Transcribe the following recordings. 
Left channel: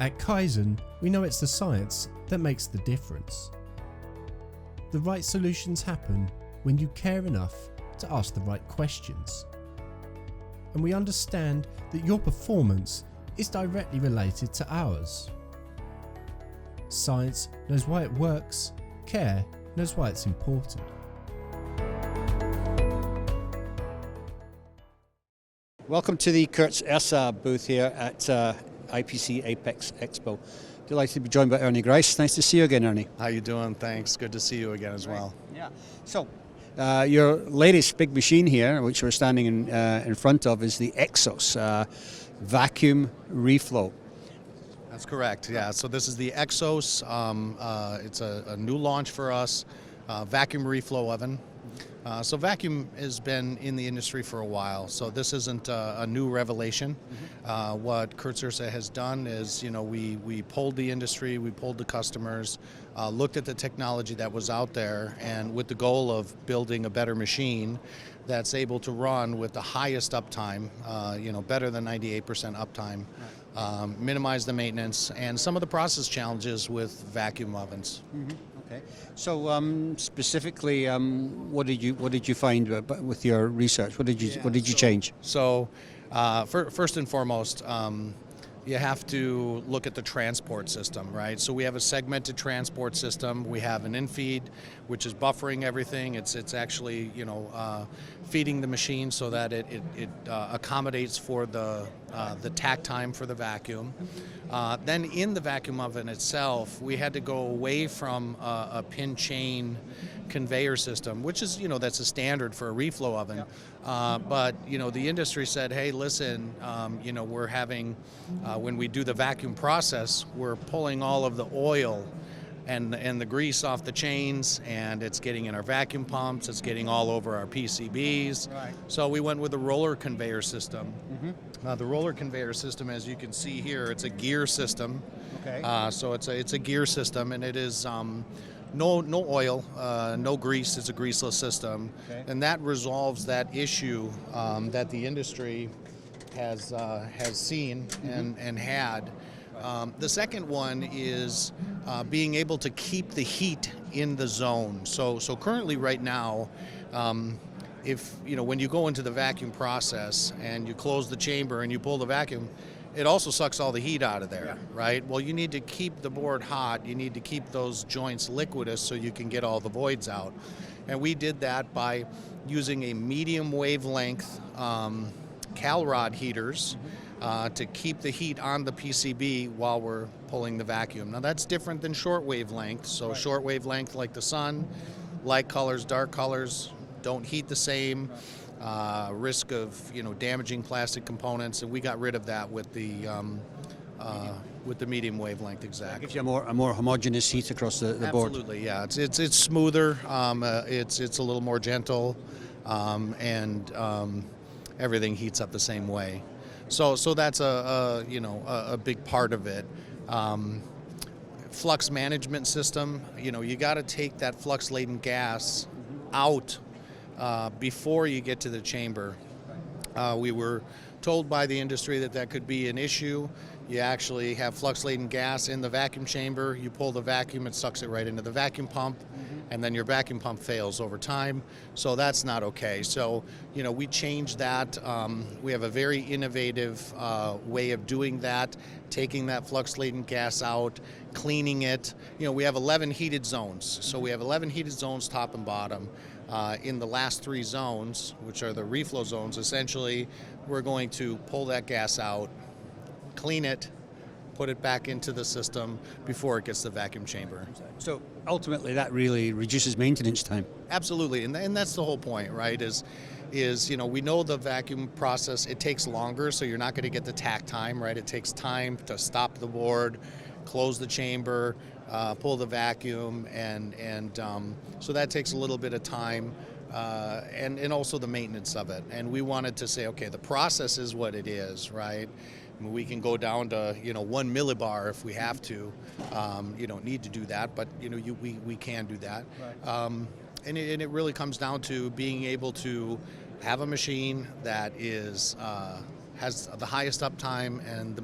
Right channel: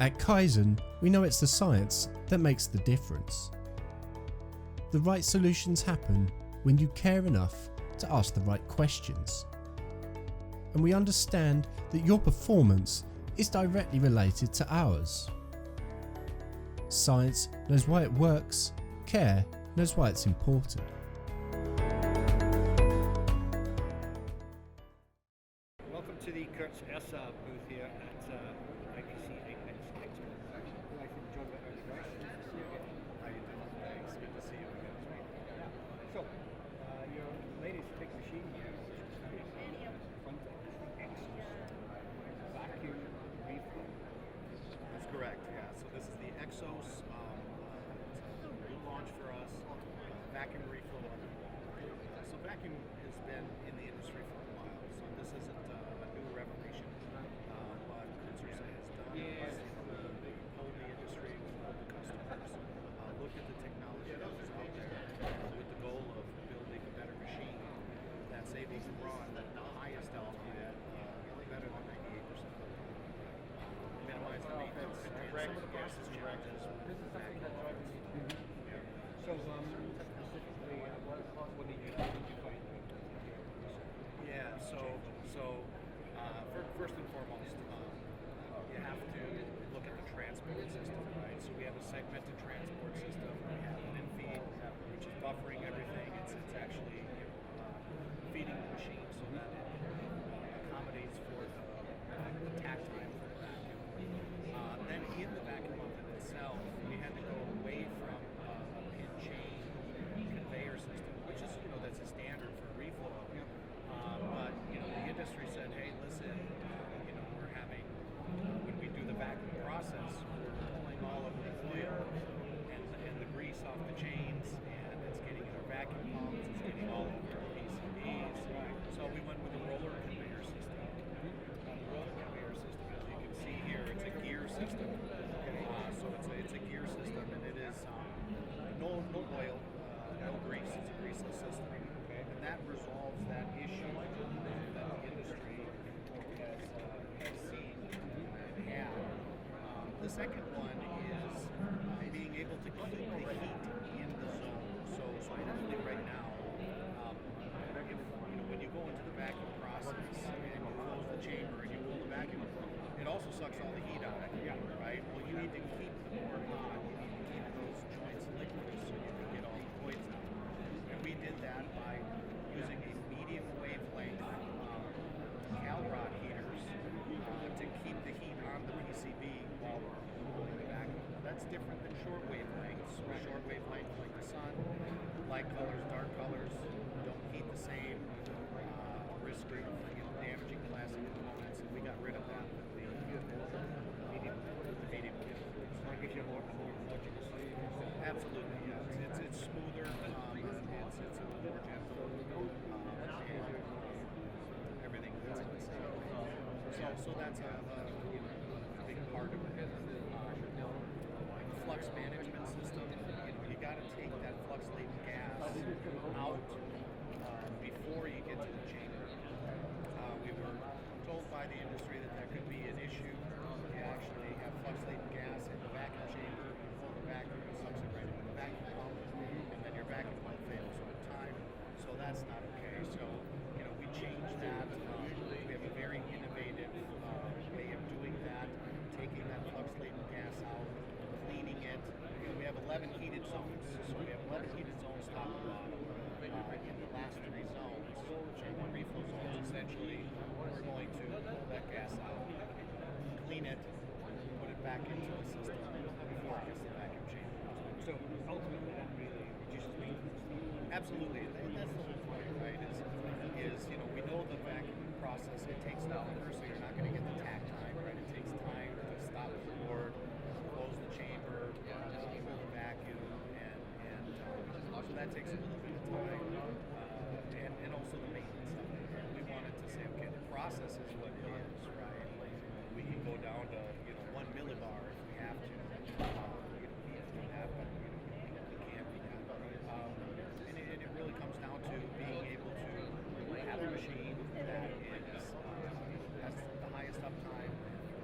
At Kaizen, we know it's the science that makes the difference. The right solutions happen when you care enough to ask the right questions. And we understand that your performance is directly related to ours. Science knows why it works, care knows why it's important. Welcome to the Kurtz Ersa booth here at IPC Apex Expo. Delighted to be joined by Ernie Grice. Nice to see you again, Ernie. How you doing? Thanks. Good to see you again as well. Yeah. So, your latest big machine here, which we're standing in front of, is the Exos vacuum reflow. That's correct. Yeah. So this is the Exos. It's a new launch for us. Vacuum reflow oven. So vacuum has been in the industry for a while, so this isn't a new revelation. What Kurtz Ersa has done is, we polled the industry, we polled the customers, looked at the technology that was out there, and with the goal of building a better machine that's able to run with the highest uptime, better than 98% uptime, minimize the maintenance, and some of the process challenges with vacuum ovens. Okay. So specifically, what did you find with your research? What did you change? So, first and foremost, you have to look at the transport system, right? So we have a segmented transport system. We have an in-feed, which is buffering everything. It's actually feeding the machine so that it accommodates for the takt time for the vacuum. Then in the vacuum oven itself, we had to go away from a pin chain conveyor system, which is, that's a standard for a reflow oven. But, the industry said, hey, listen, we're having, when we do the vacuum process, we're pulling all of the oil and the grease off the chains, and it's getting in our vacuum pumps, it's getting all over our PCBs. Right. So we went with a roller conveyor system. The roller conveyor system, as you can see here, it's a gear system. Okay. So it's a gear system, and it is no oil, no grease. It's a greaseless system, okay. And that resolves that issue that the industry has seen and had. The second one is being able to keep the heat in the zone. So currently, right now, when you go into the vacuum process and you close the chamber and you pull the vacuum, it also sucks all the heat out of there, right? Well, you need to keep the board hot. You need to keep those joints liquidous so you can get all the voids out. And we did that by using a medium wavelength Calrod heaters to keep the heat on the PCB while we're pulling the vacuum. Now that's different than short wavelength. So short wavelength, like the sun, light colors, dark colors, don't heat the same. Risk of damaging plastic components, and we got rid of that with the medium wavelength. Exactly. Gives you a more homogeneous heat across the board. Absolutely, yeah. It's smoother. It's a little more gentle, and everything heats up the same way. So that's a big part of it. Flux management system. You got to take that flux laden gas out before you get to the chamber. We were told by the industry that could be an issue. You actually have flux-laden gas in the vacuum chamber. You pull the vacuum, it sucks it right into the vacuum pump, and then your vacuum pump fails over time. So that's not okay. So, we changed that. We have a very innovative way of doing that, taking that flux-laden gas out, cleaning it. We have 11 heated zones. So we have 11 heated zones, top and bottom. In the last 3 zones, which are the reflow zones, essentially, we're going to pull that gas out, clean it, put it back into the system before it gets to the vacuum chamber. So ultimately, that really reduces maintenance time. Absolutely, and that's the whole point, right? Is we know the vacuum process, it takes longer, so you're not going to get the takt time, right? It takes time to stop the board, close the chamber, pull the vacuum, and so that takes a little bit of time, and also the maintenance of it. And we wanted to say, okay, the process is what it is, right? And we can go down to 1 millibar if we have to. You don't need to do that, but we can do that. Right. And it really comes down to being able to have a machine that is has the highest uptime and the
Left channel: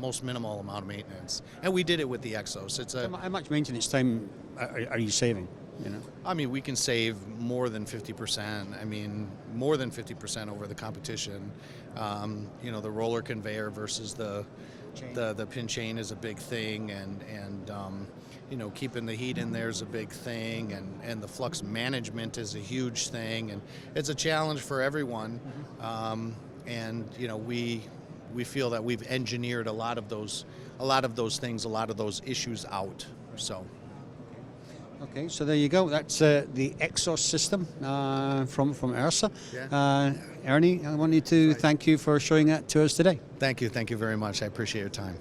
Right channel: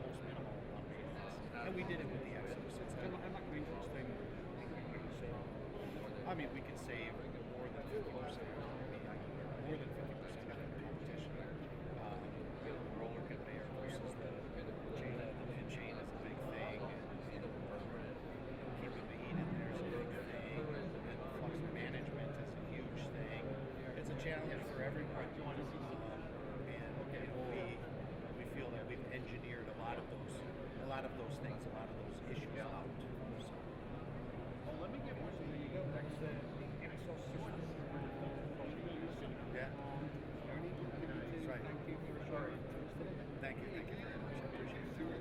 most minimal amount of maintenance. And we did it with the Exos. How much maintenance time are you saving? You know? I mean, we can save more than 50%. I mean, more than 50% over the competition. You know, the roller conveyor versus the pin chain is a big thing, and you know, keeping the heat in there is a big thing, and the flux management is a huge thing, and it's a challenge for everyone. And you know, we feel that we've engineered a lot of those things, a lot of those issues out. So. Okay, so there you go. That's the Exos system from Ersa. Yeah. Ernie, I wanted to thank you for showing that to us today. Thank you very much. I appreciate your time.